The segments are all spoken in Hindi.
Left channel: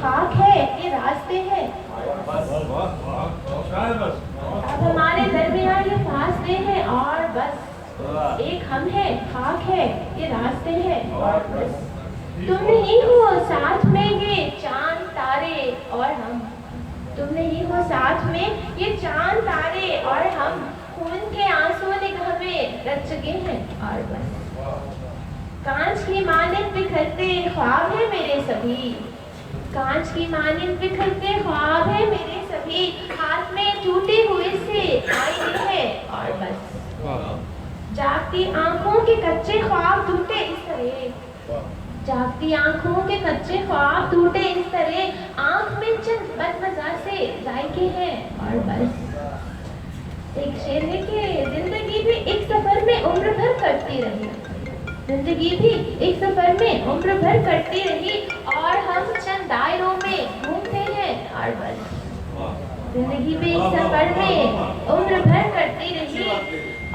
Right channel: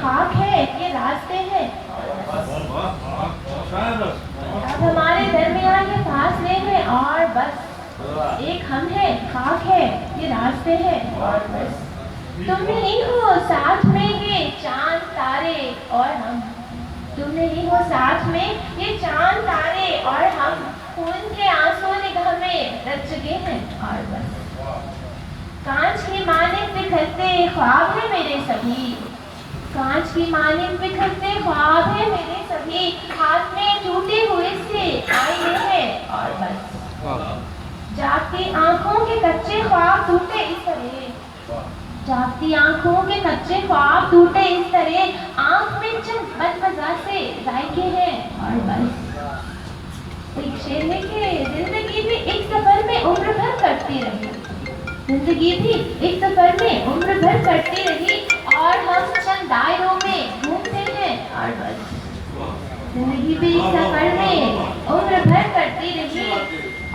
खाक है, ये रास्ते हैं। अब हमारे दरमियान ये फासले हैं और बस एक हम है, खाक है, ये रास्ते हैं और बस तुम नहीं हो साथ में ये चांद तारे और हम, तुम नहीं हो साथ में ये चांद तारे और हम, खून के आंसू निगाह में रच चुके हैं और बस कांच की मानिक बिखरते ख्वाब है मेरे सभी, कांच की मानिक बिखरते ख्वाब है मेरे सभी, हाथ में टूटे हुए से आए हैं और बस जागती आंखों के कच्चे ख्वाब टूटे इस तरह, जागती आंखों के कच्चे ख्वाब टूटे इस तरह, आंख में चंद बदमजा से जायके हैं और बस एक शेर है कि जिंदगी भी एक सफर में उम्र भर करती रही, जिंदगी भी एक सफर में उम्र भर करती रही और हम चंद दायरों में घूमते हैं और बस जिंदगी भी एक सफर में उम्र भर करती रही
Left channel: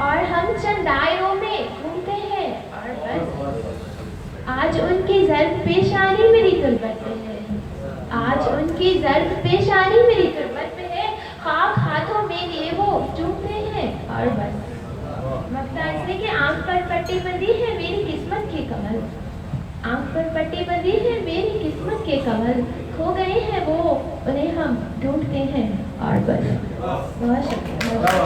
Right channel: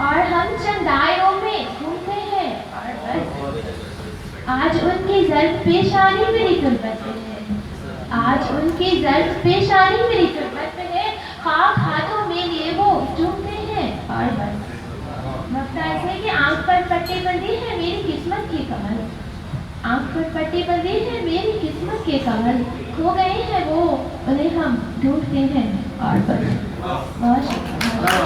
और हम चंद दायरों में घूमते हैं और बस आज उनकी जर्द पेशानी मेरी गुर्बत में है, आज उनकी जर्द पेशानी मेरी गुर्बत में है, खाक हाथों में लिए वो चूमते हैं और बस मकसद है कि आंख पर पट्टी बंदी है मेरी किस्मत की कमल, आंख पर पट्टी बंदी है मेरी किस्मत के कमल, खो गए हैं वो उन्हें हम ढूंढते हैं और बस बहुत शुक्रिया।